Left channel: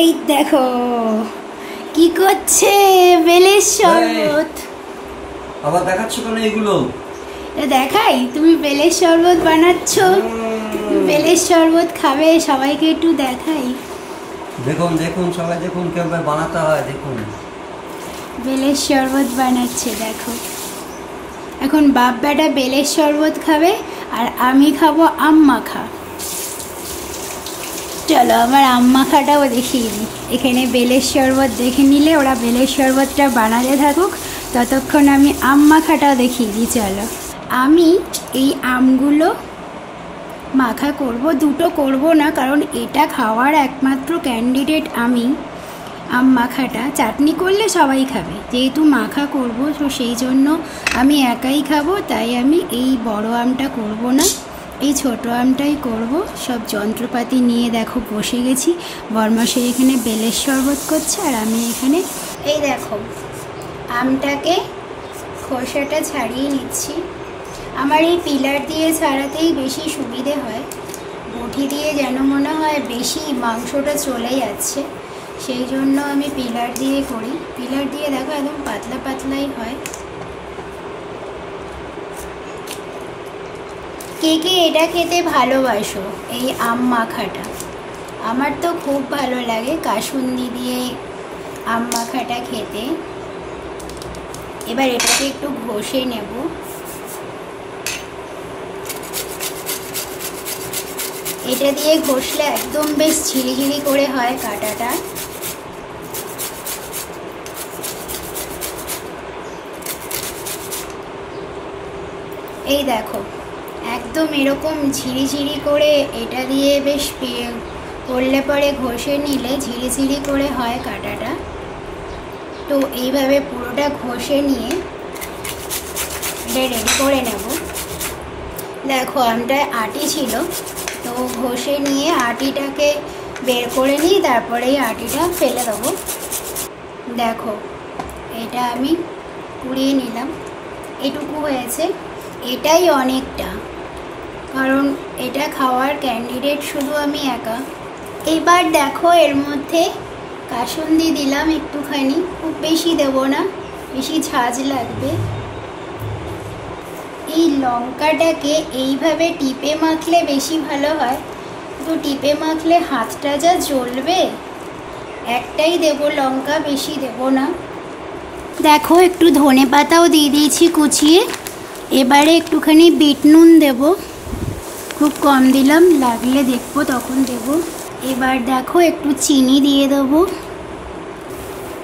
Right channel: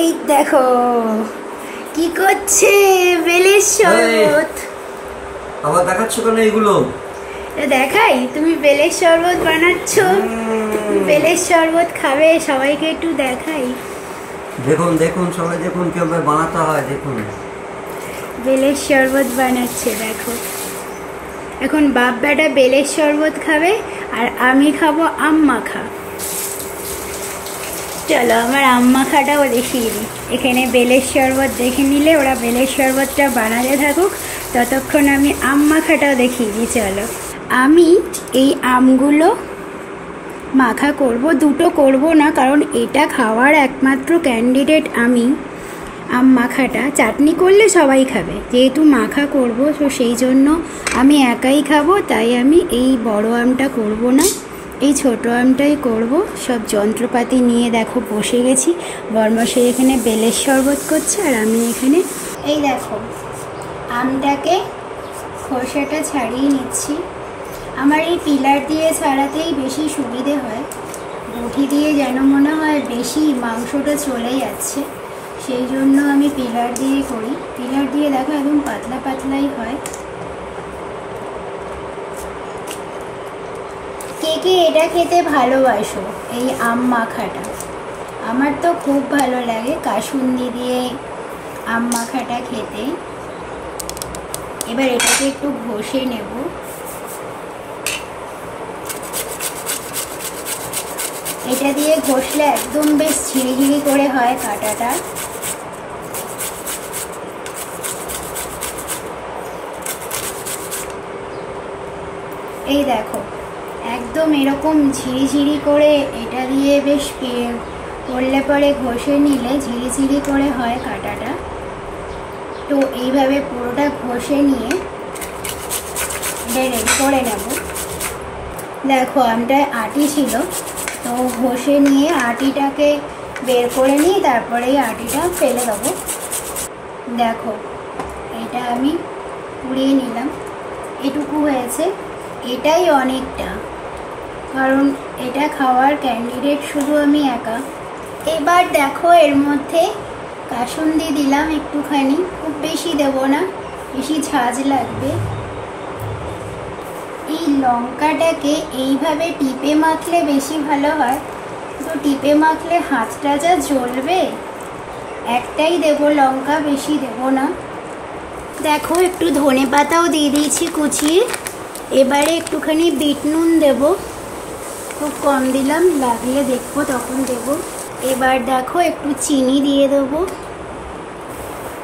এই দেখো কি করছে বেলের শরবত। আবার দেখাচ্ছ কেন এগুলো? দেখাই, তুমি বেলের শরবত বানাচ্ছ, বেলের শরবত খাবে, সবাইকে একটু দেখাই। দেখুন দেখুন সবাই দেখুন কিভাবে বানাতে হয়, দেখুন বেলের শরবত বানাচ্ছে দেখো। এখন বাপ বেটা বেলের শরবত খাবে আর আমি খাবো আম মাখা। চলো আমার আম মাখাটাও দেখিয়ে দিই। এখানে বেলের শরবত দেখে নিলে, ওরা বেলের শরবতটা বানাতে থাকুক, ততক্ষণ আমি আম মাখাটাও দেখিয়ে দিই। চলো, আমি এই আমগুলো মাখা করব, দুটো করব না, কারণ এটা খাওয়ার একমাত্র ক্যান্ডিডেট আমি। আম মাখাটা চাটনি করলে সবাই খাবে, যেহেতু মাখা করব তো সেই জন্য আমি একাই খাবো, তাই আমি এই বড় আমটা করব না, এই ছোট আমটাই করব। সব যন্ত্রপাতি নিয়ে দেখো বসে গেছি। বরমশাই এখানে বেলের শরবত করছে আর আমি এখানে এই দেখো আমটাকে খোসাটা ছাড়িয়ে নিচ্ছি। আমার এই পিলার দিয়ে ছাড়াতেই বেশি সুবিধে হয়, বটি দিয়ে যেন মনে হয় বেশি মাংসটা চলে যাচ্ছে, সেই জন্য আমি পিলার দিয়ে করি। পিলার দিয়ে দেখো একদম পাতলা পাতলাই হয়। কে কে এটা খেতে ভালোবাসো, এই আম মাখাটা? আমার তো খুব ভালো লাগে কাসুন্দি দিয়ে আম মাখাটা খেতে। এবার এটাকে একটু ঘষে নেব। এটা দিয়ে ঘষলে একদম বেশ ঝিরিঝিরি করে হয় কাঁটাটা। এই দেখো একদম এরকম ঝিরিঝিরি করে এটা দিয়ে বেশ করলে পরে ঘষে নিলে ঝিরিঝিরি করে হয় কাঁটাটা। তো এইভাবে পুরোটা ঘষে নিয়ে এটা রেডি করে নেব। দেখো আমটায় আটি ছিল, তো ঘষে নিয়ে আটিটাকে বের করে নিয়ে তারপরে এই আটিটা ফেলে দেবো। দেখো এটা আমি পুড়িয়ে নিলাম, এটুকু হয়েছে, এটাই অনেকটা, কারণ এটা খাওয়ার ক্যান্ডিডেট শুধু আমি একা। এবার দেখো এর মধ্যে কাসুন্দি দিলাম একটুখানি, খুব বেশি দেবো না, বেশি ঝাঁজ লাগবে। এই লঙ্কাটাকে এইভাবে টিপে মাখলে বেশি ভালো হয়, তো টিপে মাখলে হাতটা যা জ্বলবে। একটাই দেবো লঙ্কা, বেশি দেবো না। দেখো একটু ধনে পাতাও দিয়ে দিয়েছি কুচিয়ে। এবারে একটুখানি বিট নুন দেবো, খুব কম দিলাম, লাগলে দেখবো তখন দেবো। এবার দেখো একটু চিনি দিয়ে দেবো।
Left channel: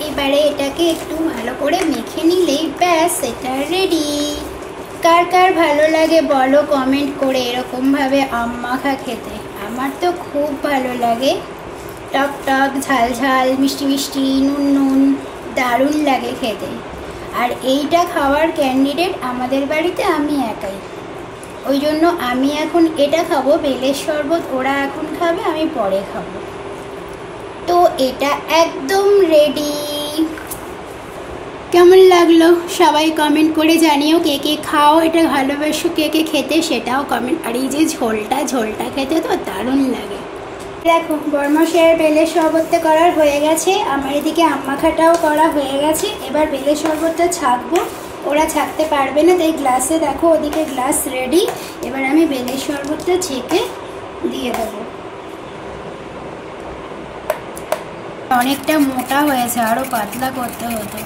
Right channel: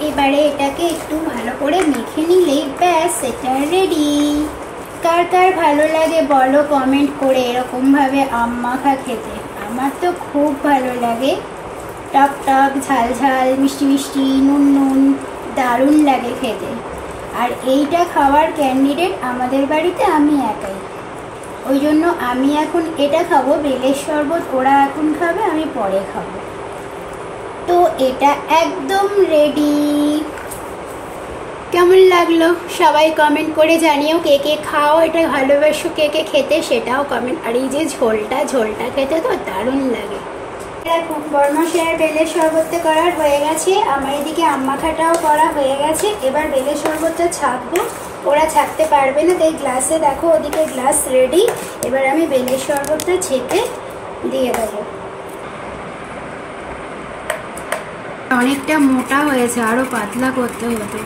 এবারে এটাকে একটু ভালো করে মেখে নিলেই ব্যাস এটা রেডি। কার কার ভালো লাগে বলো কমেন্ট করে এরকমভাবে আম মাখা খেতে। আমার তো খুব ভালো লাগে, টক টক ঝাল ঝাল মিষ্টি মিষ্টি নুন নুন, দারুণ লাগে খেতে। আর এইটা খাওয়ার ক্যান্ডিডেট আমাদের বাড়িতে আমি একাই, ওই জন্য আমি এখন এটা খাবো। বেলের শরবত ওরা এখন খাবে, আমি পরে খাবো। তো এটা একদম রেডি। কেমন লাগলো সবাই কমেন্ট করে জানিও। কে কে খাও এটা ভালোবাসো, কে কে খেতে সেটাও কমেন্ট। আর এই যে ঝোলটা খেতে তো দারুণ লাগে। দেখো বরমশাইয়ের বেলের শরবতটা করার হয়ে গেছে, আমার এদিকে আম মাখাটাও করা হয়ে গেছে। এবার বেলের শরবতটা ছাঁকবো, ওরা ছাঁকতে পারবে না, তাই গ্লাসে দেখো ওদিকে গ্লাস রেডি। এবার আমি বেলের শরবতটা ছেঁকে দিয়ে দেবো। অনেকটা মোটা হয়েছে, আরও পাতলা করতে হতো।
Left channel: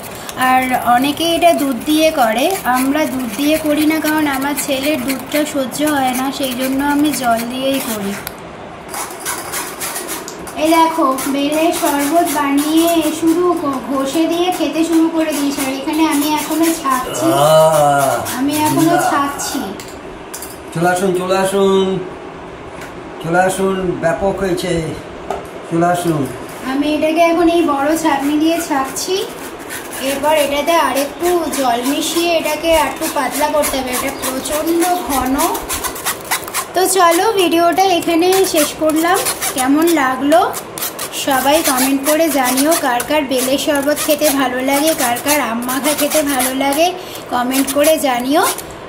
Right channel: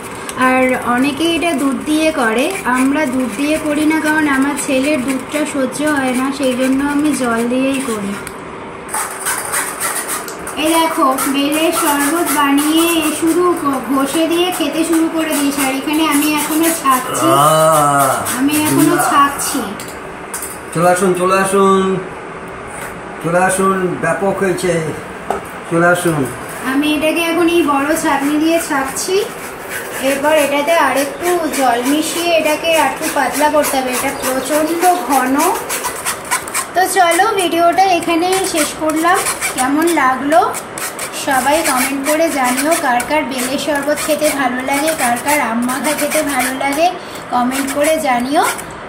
আর অনেকে এটা দুধ দিয়ে করে, আমরা দুধ দিয়ে করি না, কারণ আমার ছেলের দুধটা সহ্য হয় না, সেই জন্য আমি জল দিয়েই করি। এই দেখো বেলের শরবত বানিয়ে শুরু ঘষে দিয়ে খেতে শুরু করে দিয়েছি। আর এখানে আমি এখনো ছাঁকছি, চলে আসুন চলে আসুন চলে আসুন, ব্যাপক হয়েছে, চলে আসুন। আমি এটাকে এখন এই বড় ছাঁকনি দিয়ে ছাঁকছি। এরপর এটাতে আরেকটু জল মিশিয়ে এটাকে একটু পাতলা করতে হবে, এটা প্রচন্ড ঘন। তো চলো ভিডিওটা এখানে শেষ করলাম। কেমন লাগলো সবাই কমেন্ট করে জানিও। কার কার বেলের শরবত খেতে ভালো লাগে, কার কার আম মাখা খেতে ভালো লাগে, কমেন্ট করে জানিও।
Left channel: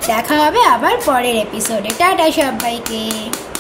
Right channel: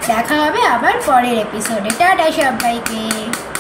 দেখা হবে আবার পরের এপিসোডে। টাটা সবাইকে।